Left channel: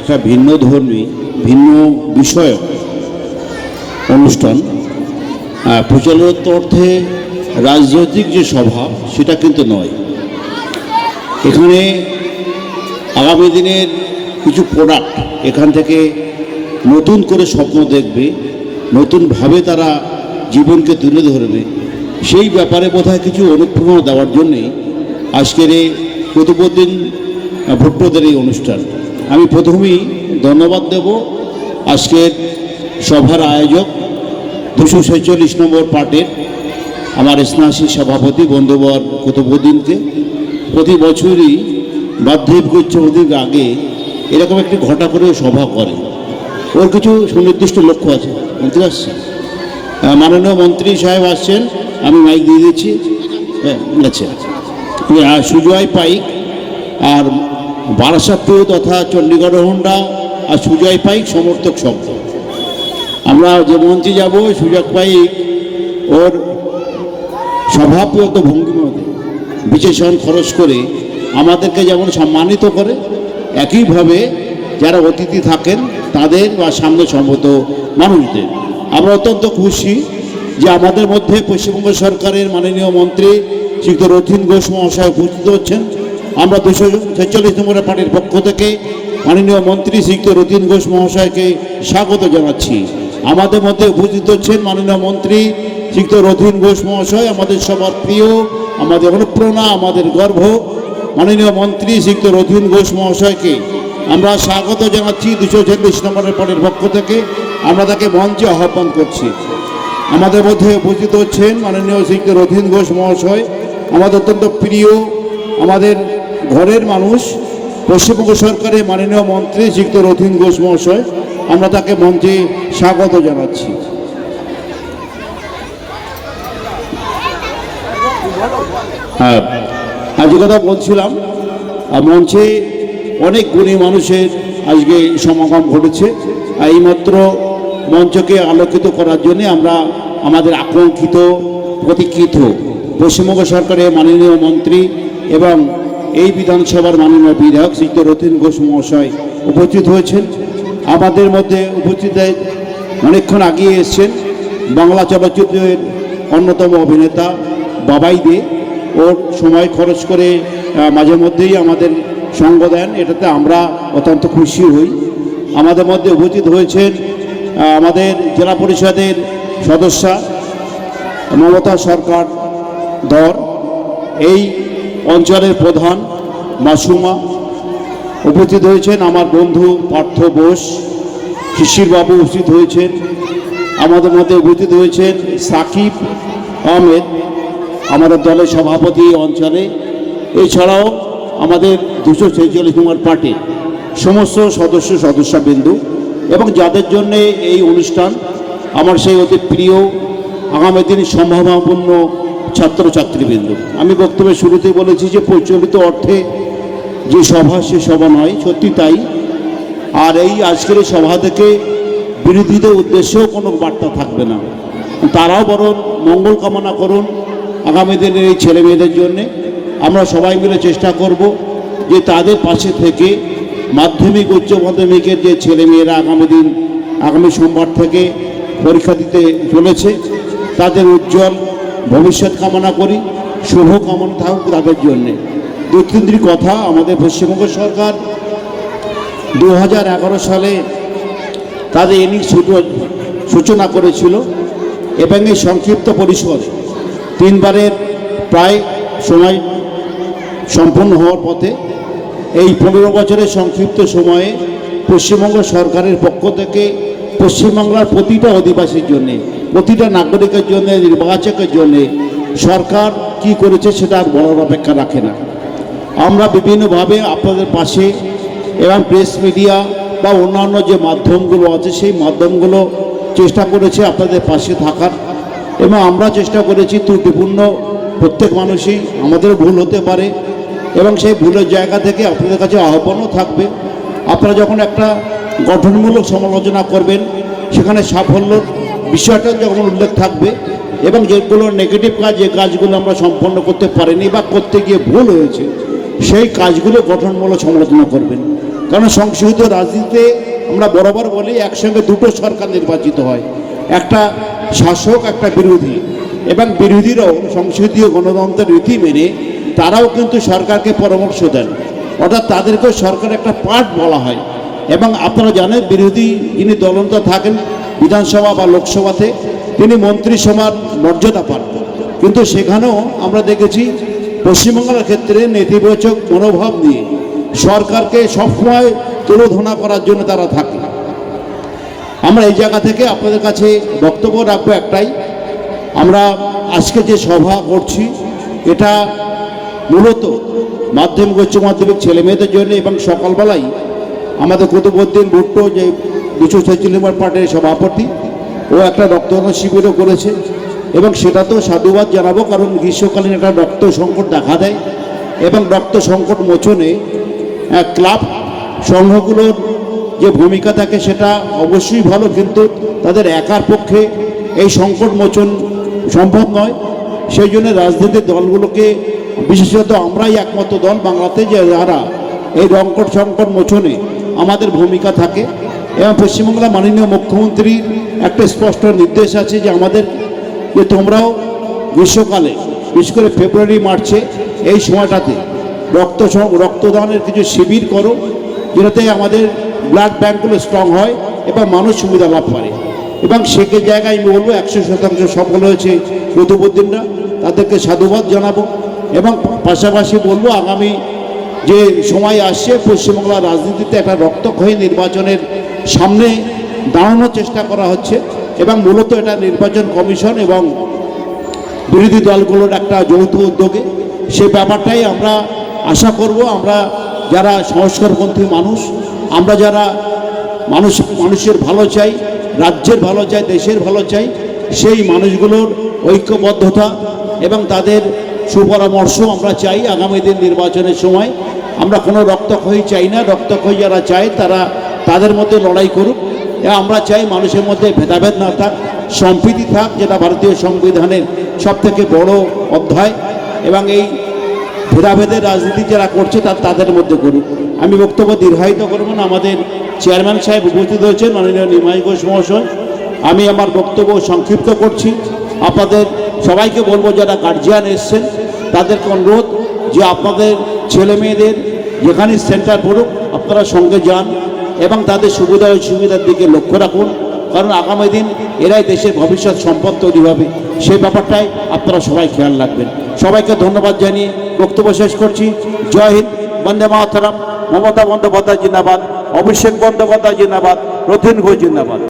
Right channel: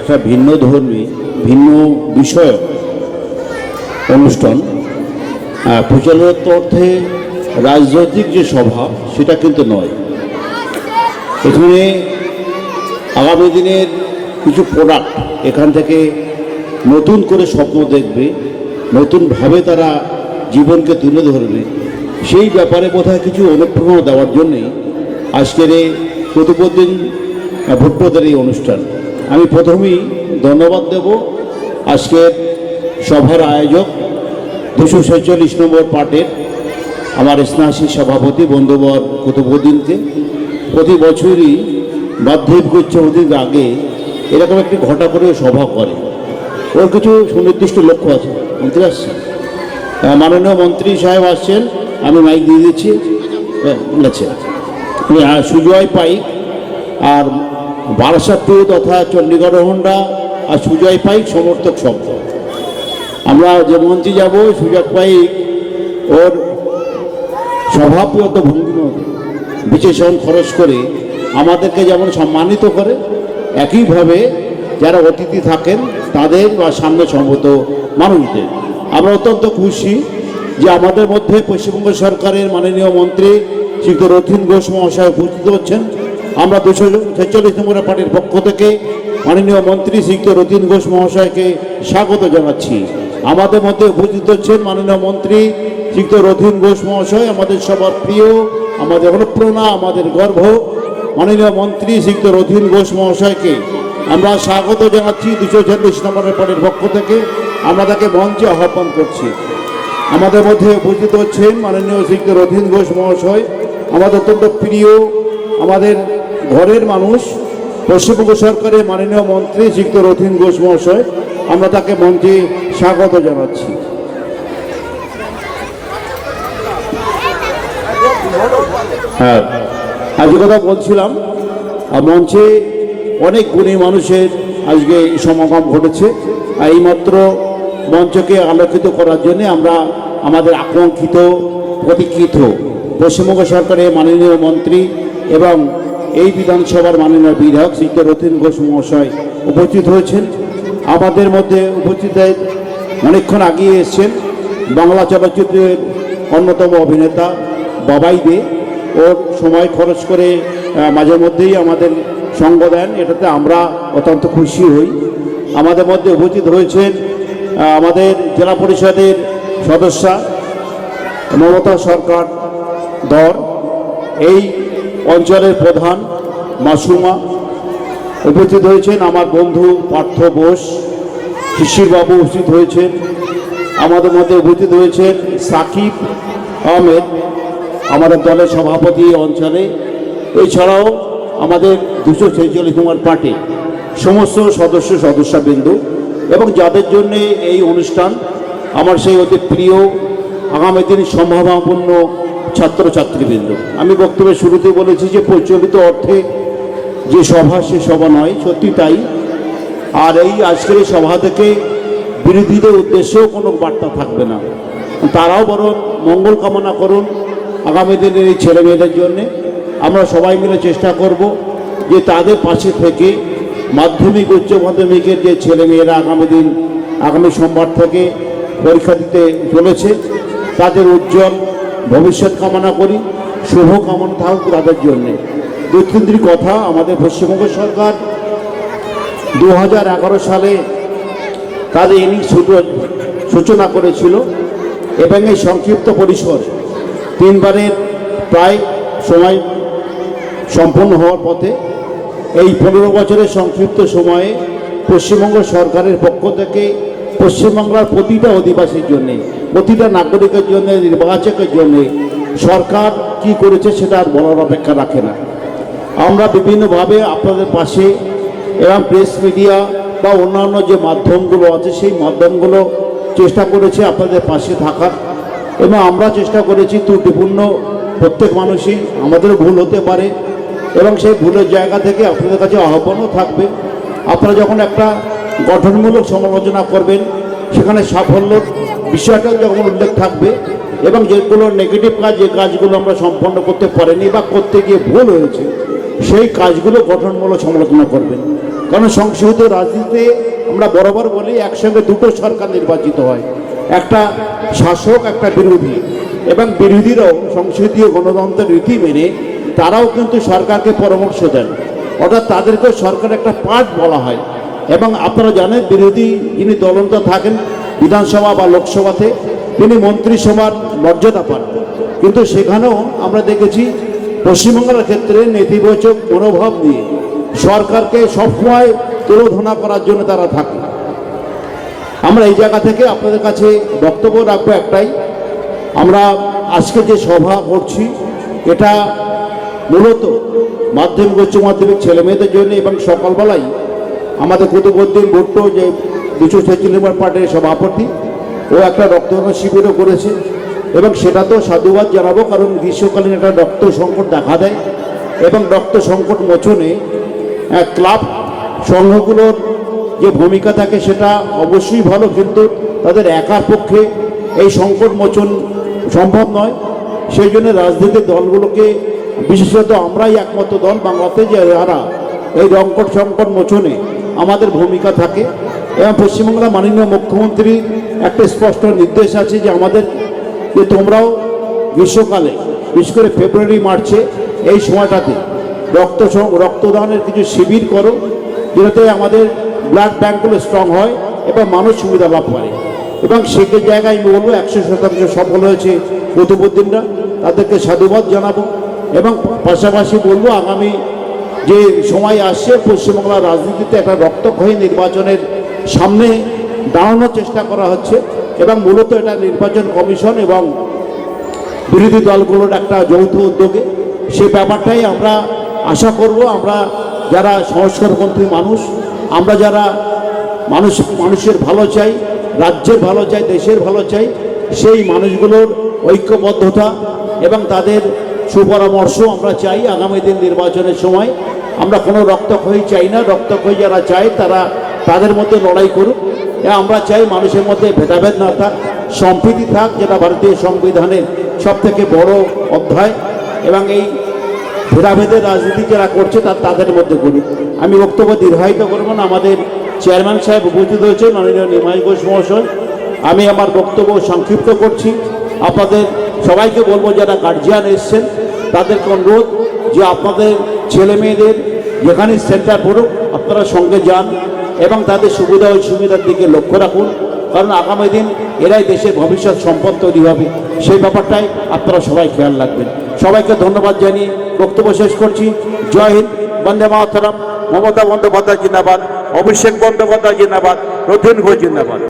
একটা ভিন্ন ধর্মী ভিন্ন বিষয়ক অনুষ্ঠান, প্রচলিত অর্থে রাজনৈতিক যে সভা সেটা কিন্তু নয়। এখানে আগামী দিনের কিছু প্রোডাক্ট এখান থেকে নতুন করে স্বপ্ন দেখবে, নতুনভাবে তারা জীবনকে তুলে ধরবে, সেই ব্যাপারে বোধহয় কিছু অনুপ্রেরণা দেওয়ার জন্যেই আজকের এই কুতুবউদ্দিন ভুট্টোদের এই অনুষ্ঠান। আমি প্রথমেই ধন্যবাদ দেব আজকের সভার আয়োজক 246 নম্বর পার্টের আমার স্নেহাশী সভাপতি বন্ধুবর কুতুবউদ্দিনকে। প্রতি বছরই বার্ধক্য উৎসবের আগে এরকম একটি ঘটা করে সভা করে। ওর কিছু সুনির্দিষ্ট লক্ষ্য আছে। মন্ত্রী আসছেন, মাননীয় মন্ত্রী সাহেব আসছেন, আমি মাইক দিয়ে দিচ্ছি। আচ্ছা, সুজয় পাইক আর বারাসাতপুর তথা চণ্ডীগড় হোন্ডা আর সুজয় পাইক সমর্থক শব্দ। আমরা যে মঞ্চে যাব, সুজয় পাইক ওর স্বভাবগত ভঙ্গিমতে বিশেষণ খরচ করে আমাদেরকে যেমন সম্মানিত করে, একইভাবে যারা অতিথি থাকেন তাদের বা সামনে সম্মত মানুষদের আমরা অত্যন্ত খুশি যে আমাদের মধ্যে পশ্চিমবঙ্গ সরকারের মাননীয় মন্ত্রী শ্রীযুক্ত রথীন ঘোষ মহাশয় উপস্থিত হচ্ছেন। আমরা 246 নম্বরের পার্টির পক্ষ থেকে মাননীয় মন্ত্রী শ্রীযুক্ত রথীন ঘোষ মহাশয়কে স্বাগত জানাচ্ছি। আমাদের মধ্যে উপস্থিত হচ্ছেন মাননীয় মন্ত্রী শ্রীযুক্ত রথীন ঘোষ মহাশয়, আমাদের সবার প্রিয়, আমাদের অনুপ্রেরণা, আমাদের গর্ব মাননীয় মন্ত্রী শ্রীযুক্ত রথীন ঘোষ মহাশয়কে আমরা স্বাগত জানাচ্ছি 246 নম্বরের পার্টির পক্ষ থেকে। আমরা তাকে মঞ্চে আহ্বান করছি। আমাদের মধ্যে উপস্থিত হচ্ছেন মাননীয় শ্রীযুক্ত রথীন ঘোষ মহাশয়, আমাদের অত্যন্ত প্রিয়, আমাদের ঘরের মানুষ, পশ্চিমবঙ্গ সরকারের মাননীয় মন্ত্রী শ্রীযুক্ত রথীন ঘোষ মহাশয়। আমরা তাকে মঞ্চে স্বাগত জানাচ্ছি। হ্যাঁ, আজ কথা বলছিলাম, মঞ্চে অনেক গুণী মানুষের আজকে সমাগম ঘটেছে। এইমাত্র মঞ্চকে আলোকিত করার জন্য আমরা আমাদের আকাঙ্ক্ষিত প্রতীক্ষিত পশ্চিমবঙ্গ সরকারের মাননীয় মন্ত্রী এবং এই বিধানসভার মাননীয় বিধায়ক শ্রীযুক্ত রথীন ঘোষ মহাশয় উপস্থিত হয়েছেন। আমাদের মধ্যে উপস্থিত অনেকক্ষণ আগিয়ে এসছেন বাংলা চলচ্চিত্রের অন্যতম অভিনেতা বাবাই দে। ওর সময় খরচ করে মাঝে মধ্যেই আমাদের সঙ্গ দেন, এটাতে আমরা অত্যন্ত খুশি হই। আমাদের মধ্যে উপস্থিত হয়েছেন আমাদের জেলা পরিষদের সদস্যা মমতা সরকার ধর, এই অঞ্চলের প্রধান মাসুমা। উপস্থিত হয়েছেন আমার বন্ধু পার্থ বোস, শিশিরবাবু উপস্থিত হয়েছেন। আমাদের মধ্যে উপস্থিত হয়েছেন সাকিব আহমেদ, আমাদের দলের সভাপতি অঞ্চলে। এছাড়াও আমাদের 246 নম্বর পার্টির সমস্ত সদস্যবৃন্দ এবং যাদের জন্য এই অনুষ্ঠান, আমার সেই অতি প্রিয় আগামী দিন সম্ভাবনাপূর্ণ ছাত্রছাত্রীবৃন্দ। আমি বক্তব্যের শুরুতেই বলেছি যে প্রচলিত অর্থে যে সভা সে সভা নয়, সত্যি তাই। আর এই আজকের এই সভা থেকে বিরোধীদের উদ্দেশ্যেও কোনো বার্তা থাকবে না, তারাও বরং মঙ্গল কামনা করুন আগামী দিনের এই ছেলে মেয়েদের জন্যে। আমরা সবাই মিলে চেষ্টা করব যে তাদের পাশে থেকে মাধ্যমিক উচ্চ মাধ্যমিকের যে ছেলেমেয়েরা আগামী সোমবার থেকে পরীক্ষা দিতে চলেছে, তাদের উজ্জ্বল ভবিষ্যৎ কামনা করি, শুভ কামনা থাকুক তাদের জন্যে। দু-তিনটি কথা, আমাদের পশ্চিমবঙ্গ সরকার 2011 সালে তাদের ইনিংস সূচনা করেছিল এবং এই সংক্ষিপ্ত পরিসরে 3বারের প্রায় সময় সম্পন্ন হওয়ার পথে এই 15 বছরের সংক্ষিপ্ত সময়ে পশ্চিমবঙ্গ সরকারের পক্ষ থেকে পশ্চিমবাংলার প্রতিটা অধিবাসীর জন্যে, প্রতিটা নাগরিকের জন্য, নির্বাচকের জন্যে সরকার কি করেছে সেটা আর বলার অপেক্ষা রাখে না। আমরা বিভিন্নভাবে আপনাদের পাশে এবং প্রেস মিডিয়া বা অন্যান্য যে মাধ্যমগুলো আছে সেই মাধ্যমগুলো চেষ্টা করেছে আপনাদের পাশে থাকার, এবং আমরা চেষ্টা করেছি ত্রুটিপূর্ণ প্রত্যেক মানুষই, আমাদের ভুল হতে পারে এবং সেই ভুলের জায়গা থেকে আপনাদের কাছে আহ্বানও থাকবে। আপনারা যখন একটা গঠনমূলক সমালোচনা করবেন সেখানে সাফল্যর বিষয়টা যখন উল্লেখ থাকবে এবং যেগুলো নেগেটিভ কাজ, যে কাজগুলো আমরা সম্পন্ন করতে পারিনি বা করতে গিয়ে ভুল হয়েছে সেই কাজগুলো গঠনমূলক সমালোচনা করবেন। কারণ সংসদীয় রাজনীতিতে আমরা বরাবর বলি একসঙ্গে দুটো সরকার নির্বাচিত হয়, একটা শাসক একটা বিরোধী, এবং বিরোধীরাও সংসদীয় গণতন্ত্রের রীতি মেনে তারাও কিন্তু সরকারকে পরামর্শ দেন, অর্থাৎ তাদেরকেও সরকারের একটা পার্ট বলা হয়। এবং আপনারা জানেন বিরোধী যিনি দলনেতা থাকেন বিধানসভা বা লোকসভাতে তিনি মন্ত্রিসভার মর্যাদা পান, কিন্তু সেখানেও আমরা দেখেছি পশ্চিমবঙ্গের ক্ষেত্রে নেতিবাচক মনোভাব নিয়ে সরকারকে সবসময় তুলোধনা করার জন্য তারা থাকে। আমরা এই জায়গা থেকে আপনাদের কাছে বক্তব্য রাখবো একটাই, আমরা আজকে যে সভা করছি এটা মূলত মাধ্যমিক উচ্চ মাধ্যমিক ছেলে মেয়েদের জন্য, এবং সকালবেলায় আমাদের কুতুবউদ্দিন ভুট্টো যে 246 নম্বর পার্টির সভাপতি ও একটা রক্তদান শিবিরও করেছে, এবং সেটা তো সাধুবাদ জানাবো, কারণ গ্রীষ্মকালীন একটা রক্ত সংকট দেখা দেয়, এবং রক্ত সংকট মোচনে ক্লাব সংঘগুলোর যে ভূমিকা থাকে সেটা অবশ্যই ভালো, কিন্তু তাদের একার পক্ষে এই সংকট মোচন সম্ভব নয়। সেই জন্য রাজনৈতিক দলগুলোকে, বিশেষত আমরাই একমাত্র দল বাংলাতে যে যারা এই সংকট মোচনে আমাদের ভূমিকা থাকে, এবং পশ্চিমবাংলা মাননীয় মুখ্যমন্ত্রীর একটা স্পষ্ট নির্দেশ আছে যে আমাদের যে তোমরাও গ্রীষ্মকালে বিশেষ করে ফেব্রুয়ারি মার্চে এই সময়টাতে রক্তদানের কিছু শিবির করো, যেটাতে আমাদের ব্লাড ব্যাঙ্কগুলো স্ট্রং হয় এবং মানুষ সুবিধা লাভ করে। এবং সে জায়গায় আমি বলবো 100% সফল হয়েছে কুতুবউদ্দিনরা, তাদেরকে সাধুবাদ জানাবো। এবং পাশাপাশি বলবো আগামী যে সময় আসছে পশ্চিমবাংলার রাজনীতিতে একটা রক্তক্ষয়ী নির্বাচনের সামনে দাঁড়ানোর চেষ্টা করা হচ্ছে, এবং মূলত এটা নির্বাচন কমিশন এবং বিরোধী দলগুলোর একটা যৌথ উদ্যোগে সেই ব্যাপারটাই আমরা আশা করব। আমরা যারা সংস্কারপন্থী মানুষ, আমরা যারা মানুষের ভালো চাই, রাজ্যের ভালো চাই, দেশের ভালো চাই, সেই মানুষগুলোর ঐক্যবদ্ধতা এবং তাদের সুপরামর্শ আমরা চাই। আগামী দিন নির্বাচনের সময় আমরা কোনো রক্তক্ষয়ী চাই না, রক্তক্ষয়ী যারা চায় তারা তাদের মধ্যে লড়াই করুক। আমরা চাই মানুষের মধ্যে ভেদাভেদ না থাক, সম্প্রীতি থাক, যেটা ভারতীয় সংবিধানের সবথেকে বড় অধ্যায়, এবং এই ভেদাভেদের রাজনীতি যারা করছে তাদের মধ্যে করুক। আমি বক্তব্য দীর্ঘায়িত করব না, আমাদের চেয়ারম্যান সাহেব উপস্থিত হয়েছেন মাননীয় নিমাই ঘোষ মহাশয়। আমি আমার বক্তব্য সংক্ষিপ্ত করছি। আপনাদের সবাইকে বলবো যারা গার্জিয়ান এসছেন তাদেরকে অনুরোধ যে আপনাদের ছেলে মেয়েদের যেখানে সেন্টার পড়ুক আপনারা সঙ্গে যান এবং তাদের সুবিধা অসুবিধার দিকে লক্ষ্য রাখুন, কারণ আগামী দিন এরাই দেশের ভবিষ্যৎ সম্পদ তৈরি হবে, সেই ব্যাপারটাই আপনারা সবাই খেয়াল রাখবেন। সবাইকে ধন্যবাদ জানিয়ে বক্তব্য শেষ করছি। জয় হিন্দ, বন্দে মাতরম। মমতা বন্দ্যোপাধ্যায় জিন্দাবাদ, অভিষেক বন্দ্যোপাধ্যায় জিন্দাবাদ, রথীন ঘোষ জিন্দাবাদ।